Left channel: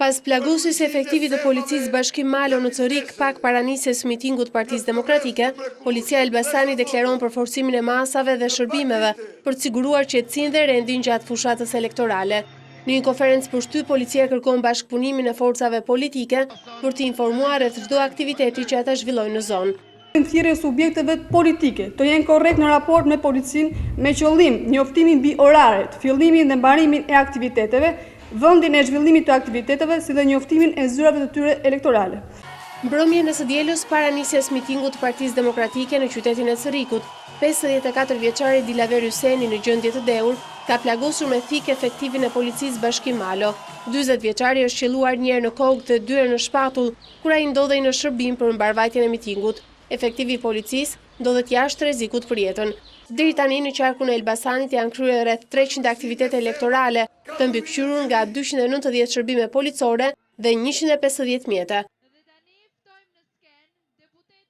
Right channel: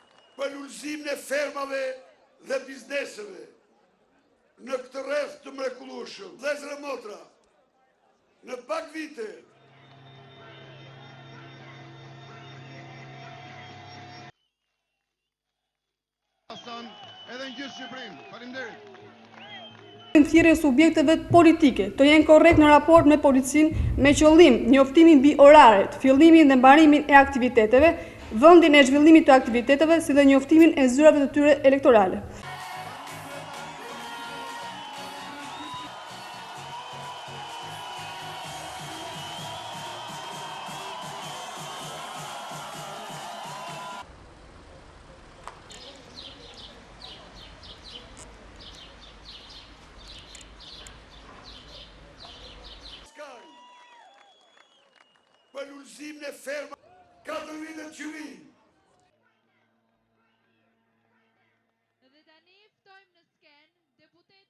Pas plagusis efektivit të policisë Bashkim Malo në Corik pak para nisjes mitingut Partisë Demokratike, policia e Elbasani deklaron për forcimin e masave dhe shërbimeve për të siguruar qetësinë dhe rendin gjatë fushatës elektorale. Në një konferencë për shtyp, policia kërkon bashkëpunimin e forcave politike për të informuar rreth çdo aktiviteti që ata zhvillojnë në zonë. Thirrje subjekteve politike të jenë korrekt në raport me policinë me qëllim njoftimin mbi oraret, fillimin dhe mbarimin e aktiviteteve, vendin e zhvillimit të aktiviteteve si dhe njoftimin e zyrave të tyre elektorale. Mbrëmjen e së dielës para nisjes mitingut të Partisë Demokratike në qytetin e Corrikut, 54 vjeçari Dilaver Hyseni në gjendje të dehur ka plagosur me thik efektivin e policisë Bashkim Malo. 40 vjeçari është qelluar një herë në kokë dhe 2 herë në shpatull kur ai ndodhej në shërbim për mbarvajtjen e mitingut. Efektivi i policisë ndodhet jashtë rrezikut për jetën. Deri tani në qarkun e Elbasanit janë kryer rreth 300 aktivitete elektorale, të mbikëqyrur nga 290 shërbime policore dhe 150 mjete.